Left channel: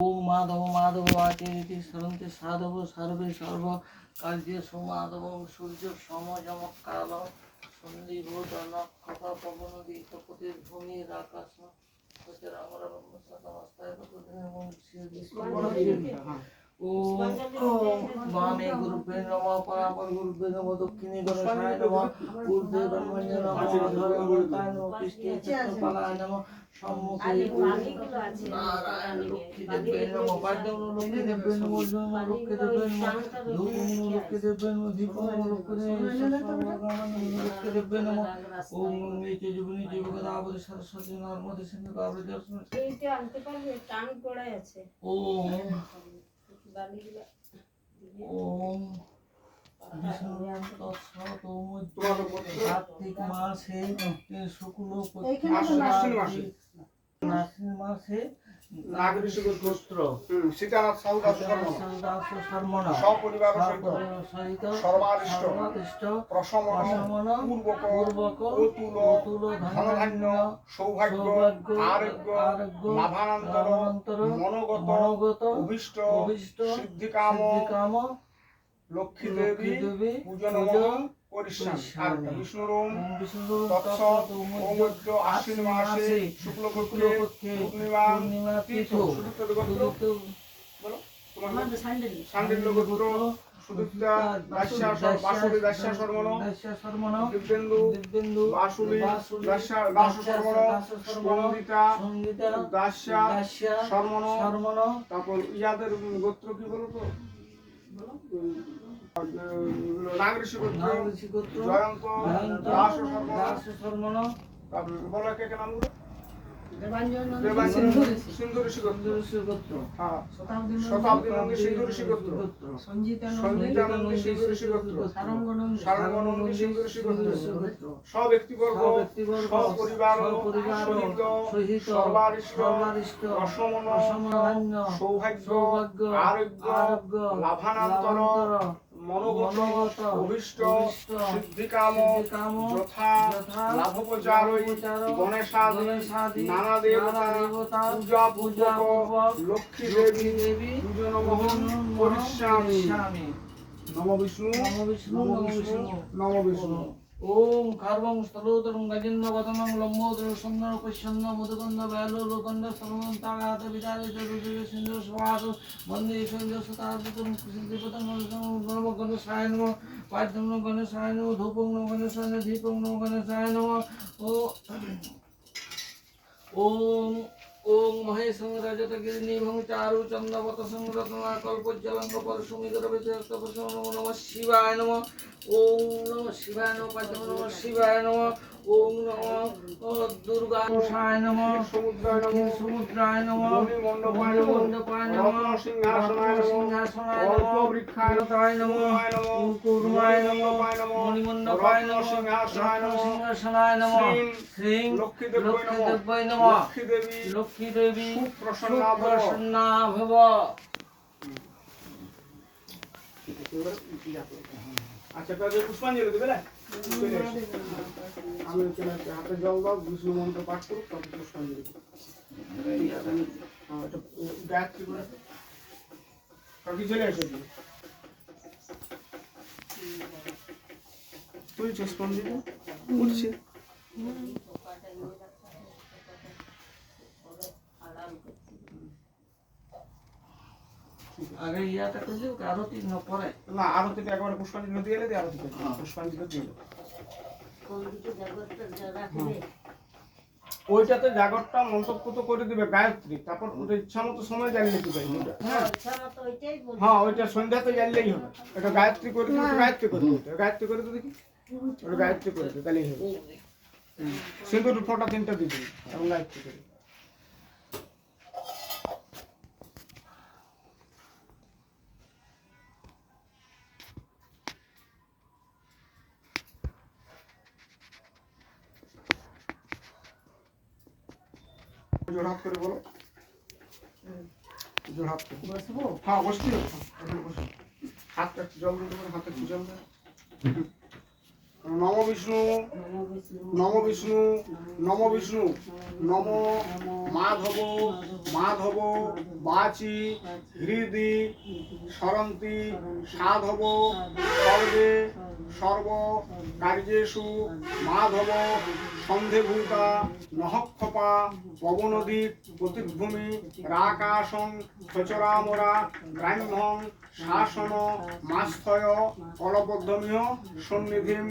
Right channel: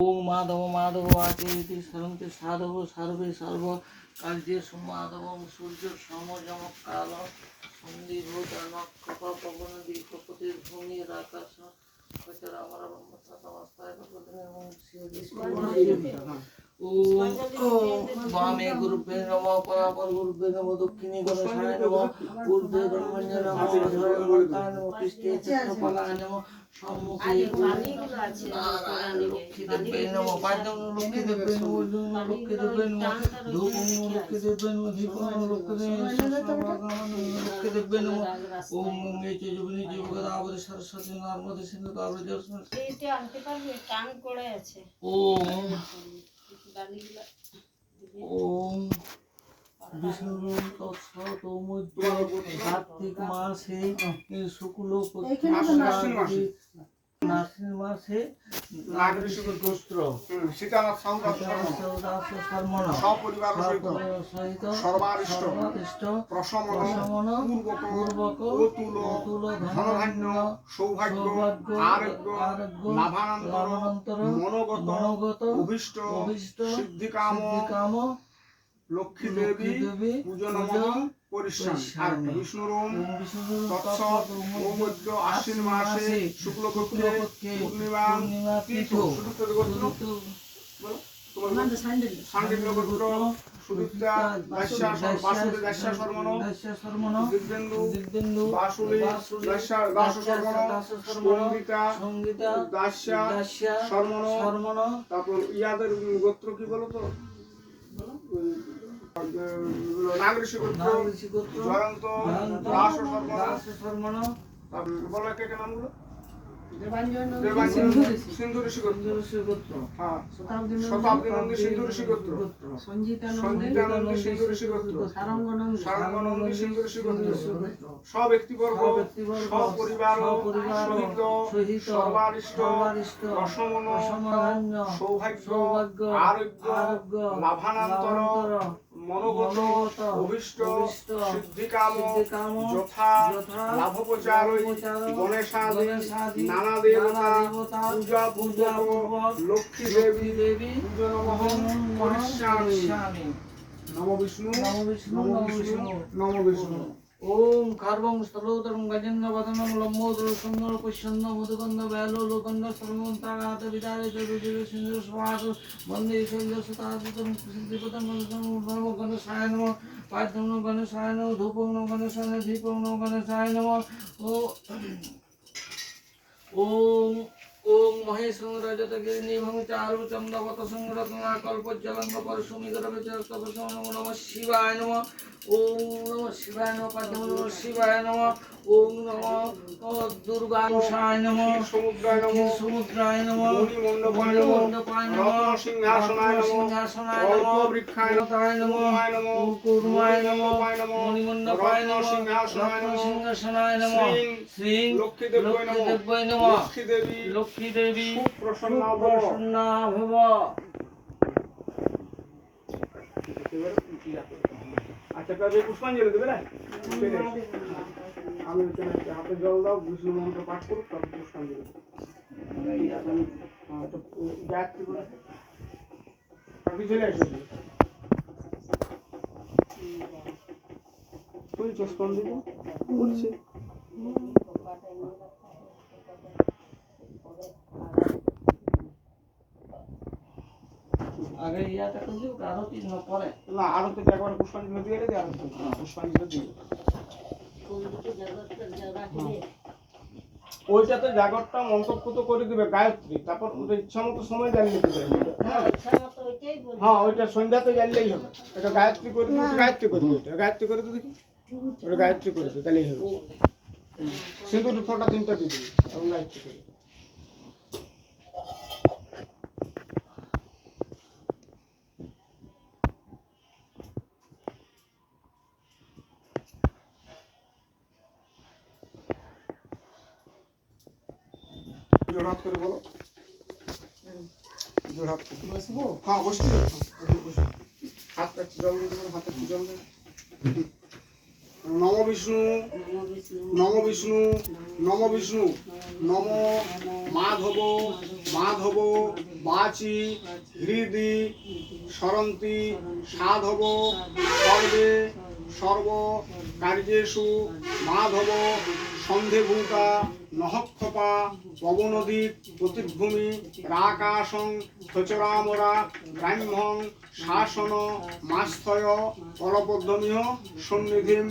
ওম মাধব মাধব আচেতি সরন্তে সাধব সর্বে সর্ব কার্যে সুমাধব সূর্য সমযম কাল সন্ধিভূত নক্ষত্র পবন দীপপতির ভূমির আকাশ কচর আমার ব্রহ্মস্তায় এবং वामे गुरुभ्यो नमः परापर गुरुभ्यो नमः दक्षिणे गणेशाय नमः ऊर्ध्वे ब्रह्मण्य नमः अधोरे अमृताय नमः पृष्ठे चित्रकलाय नमः सम्मुखे लक्ष्मीदेव्यै नमः पाद्यं लक्ष्मीदेव्यै नमः लक्ष्मीदेव्यै नमः धूपं लक्ष्मीदेव्यै नमः दीपं लक्ष्मीदेव्यै नमः ओम गंगे च जमुने च गोदावरी सरस्वती नर्मदे सिंधु कावेरी जलस्रोत এইটা আনতে পারবে টান পড়ে আছে ओम বালিগুলো ओम विष्णु कार्तिक मासे शुक्ल नासिन मासे नागरिक गोत्र সীতানাথ সৌদাস শর্মণ সপরিবার সহিত সর্বাদিষ্ট প্রশমন পূর্বক অতুল ধনধান্য সৌভাগ্য আরোগ্য লাভানন্তর মনোগত অভীষ্ট সিদ্ধিকাম লক্ষ্মী দেবী পূজনমহং করিষ্যামি বিষ্ণুরোম তৎসৎ মৌমধ্য আশ্বিন মাসে শুক্লপক্ষে পূর্ণিমা তিথ সান্ডিল্য গোত্র সুদীপ্তা বাসুদেব দাস্যা শর্মণ দিব্যেন্দু বাসুলি দাস সঙ্গীতা দাস্যা শর্মণ তারপর ইয়াদের গোত্র কি বলো তো নাগরিক গোত্র জয়ন্ত দাস শর্মণ বলো একে নামগুলো সিন্ধু ঋষি গোত্র শতাব্দী নন্দী সিন্ধু ঋষি গোত্র সঞ্জিতানন্দী সিন্ধু ঋষি গোত্র সারঙ্গনন্দী সিন্ধু ঋষি গোত্র সব্যক্তিবর্গ সপরিবার সহিত সর্বারিষ্ট অসমন সৌভাগ্য আরোগ্য লাভানন্তর মনোগত অভীষ্ট সিদ্ধিকাম যথা লাভোপচারৈ গণেশাদি নানা দেবতা পূজা পূর্বক লক্ষ্মী দেবী পূজনমহং করিষ্যামি নমো বিষ্ণু নমো বিষ্ণু ओम कार्बं स्तलोत्रं गजेन्द्र वदनं लम्बोदर सुन्दर पुष्यन्न मधुकन्द बैलो लोकन्द सर्वं तागात विदारे चतुर्दिग सिंधु स्वाहास वन्दे शैल्य सतापतं सिद्धिपतं नमः गणेशाय नमः पाद्यं नमः गणेशाय नमः धूपं नमः गणेशाय नमः दीपं नमः गणेशाय नमः ओम ओम महेशं रजतगिरिनिभं चारु चन्द्रवत संरत्ना कल्पज्जलं परशुमिगरविचरस्तपसं नमः शिवाय नमः ओम नमः शिवाय नमः पाद्यं नमः शिवाय नमः ओम नमः दुर्गानुषाय नमः समुद्राय नमः मणिमण्डपाय नमः सिंहासनाय नमः वृक्षाय नमः कुर्माय नमः मणिमण्डपाय नमः सिंहासनाय नमः श्री लक्ष्मीदेव्यै नमः लक्ष्मी देवी सुप्रसन्ना भव আচ্ছা কাজে পুষ্পাঞ্জলি দেবে না আমি হাতে জল দাও বিষ্ণু মন্ত্র পাঠ করুক তবে পুষ্পাঞ্জলি গায়ত্রী করে চলে আসো তুই পুষ্পাঞ্জলি করছি আগে ইয়াটা করে দিও আরতি ন পরে না আরতি একবার পুষ্পাঞ্জলি দিয়ে গেলে আরতি পুষ্পাঞ্জলি দিয়ে ওইটাতে জাগরটা মন্ত্রপুত করে দিবে গায়ত্রী তারপর ইচ্ছা মতো সময় জ্বালিয়ে নিতে পারবে হ্যাঁ ওইটা সন্ধ্যাতে জ্বাললেই হবে এটা গায়ত্রী করে দিবে গায়ত্রী করে দিবে গায়ত্রী করে দিবে দেখি ওটা গায়ত্রী করে দিবে তাহলেই হবে সিঁদুর ফোঁটা তিনটা দিয়ে দিবে আর গায়ত্রী করে জোড়হাত করে বলো জোড়হাত করে বসবো হ্যাঁ বসছি হাত একটু জল দিয়ে দেবেন হাতে একটু জল দেবেন নম বিষ্ণু নম বিষ্ণু নম বিষ্ণু নম মাধব মাধব বাচি হৃদি স্মরন্তি সাধব সর্বে সর্ব কার্যেষু মাধব সন্ধেভূতা নহক্ষপা পবনদীপ প্রতিভূমি রাকাশং খচরামরা ব্রাহ্মণ শাসন মাস্থয় কলপদ্মমিহ সন্নিধিম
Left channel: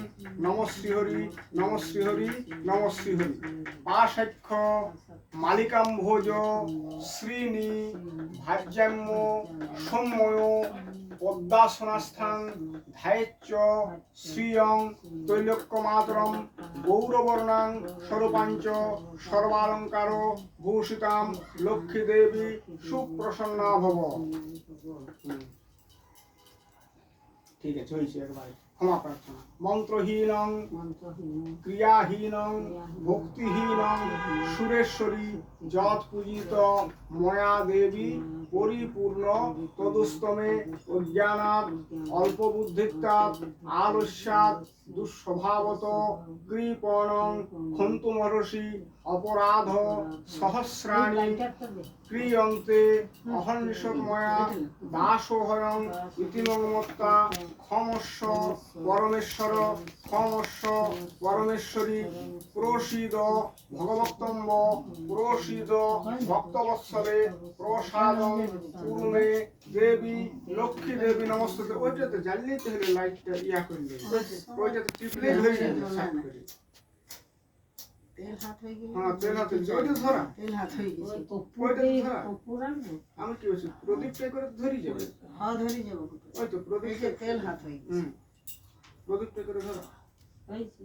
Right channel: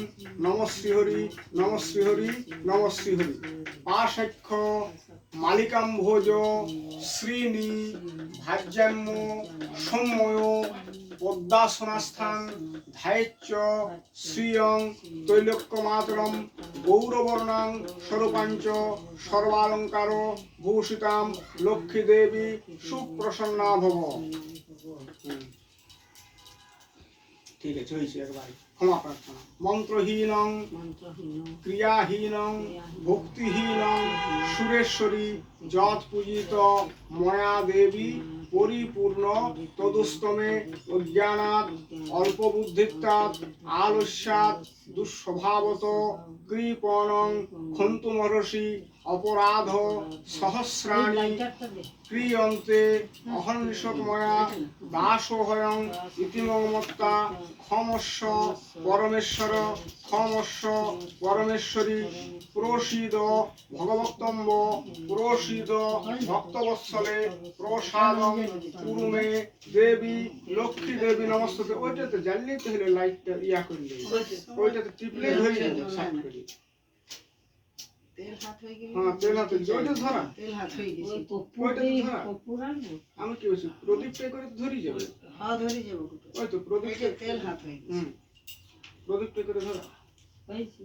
নমশ্রীহরি নমশ্রীহরি নমশ্রীহরি পাশাক্ষ মালিকাম্ভোজ শ্রীনি ভাজ্যাম্য সৌম্যয় পদ্মাসনাস্থান ধায়চ্চ শ্রিয়ং তৈলক্যমাতরম গৌরবর্ণাং স্বরূপাঞ্চ সর্বালঙ্কার ভূষিতাম লক্ষ্মী দেবী সুপ্রসন্না ভব। ঠিক আছে হয়েছে একবার ক্ষমা প্রার্থনা। মন্ত্রহীনং ক্রিয়াহীনং ভক্তিহীনং সুরেশ্বরী যৎ পূজিত ময়া দেবী পরিপূর্ণ তদুস্তমে অজ্ঞানাৎ অল্পবুদ্ধিত্বাৎ আলস্যাৎ দুঃস্বভাবত কৃপণং ক্ষন্তমহর্ষি অপরাধ সহস্রাণি ক্রিয়ন্তে অহর্নিশময়া দাসোহয়ং ইতিমমত্তা ক্ষমস্ব পরমেশ্বর ক্ষমস্ব পরমেশ্বরী প্রসীদ ভগবত্তম্ব প্রসীদ ভক্তবৎসলে প্রসাদং কুরুমে দেবী লক্ষ্মী দেবী নমস্তে। ওইটাতে জ্বালিয়ে তো হলে লাইটটা ইয়া করলে ওইটাতে টিপলে হয়ে যাবে সাইড করে। তেল হাত হয়ে গেল। হ্যাঁ তেল হাত হয়ে গেছে। ওইটা ধরা তেল হাত হয়ে গেছে। ওইটা ধরা পুরান না আমি কি বলছি প্রদীপটা করে ধরি যাবে। হ্যাঁ ধরে যাব। ওই তো প্রদীপটা তেল হাত হয়ে গেছে। প্রদীপটা করে ধরা হয়েছে।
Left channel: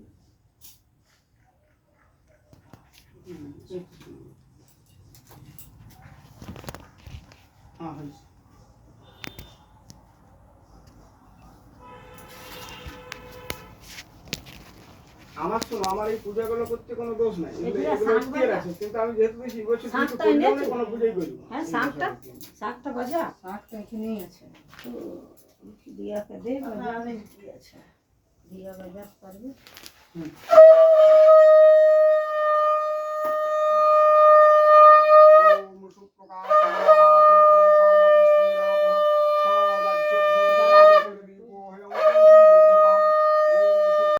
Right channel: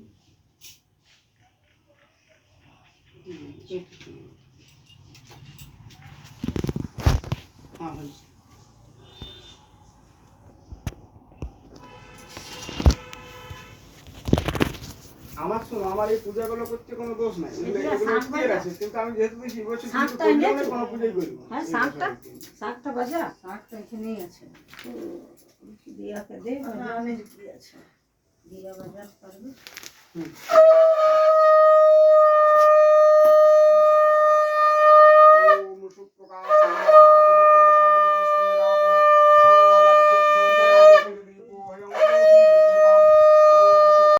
হ্যাঁ হয়েছে। আমার এই পূজাগুলো করতে কোনো দোষ নাই, এগুলো স্থির আছে, কিন্তু আমি যেহেতু দেখি বলছি কোনো পূজাই করি না। হ্যাঁ শাকটা বাজা শাকটা এখানেই আছে। তো দিয়াকে দে বাজা আছে দিয়া বাজা পারবে।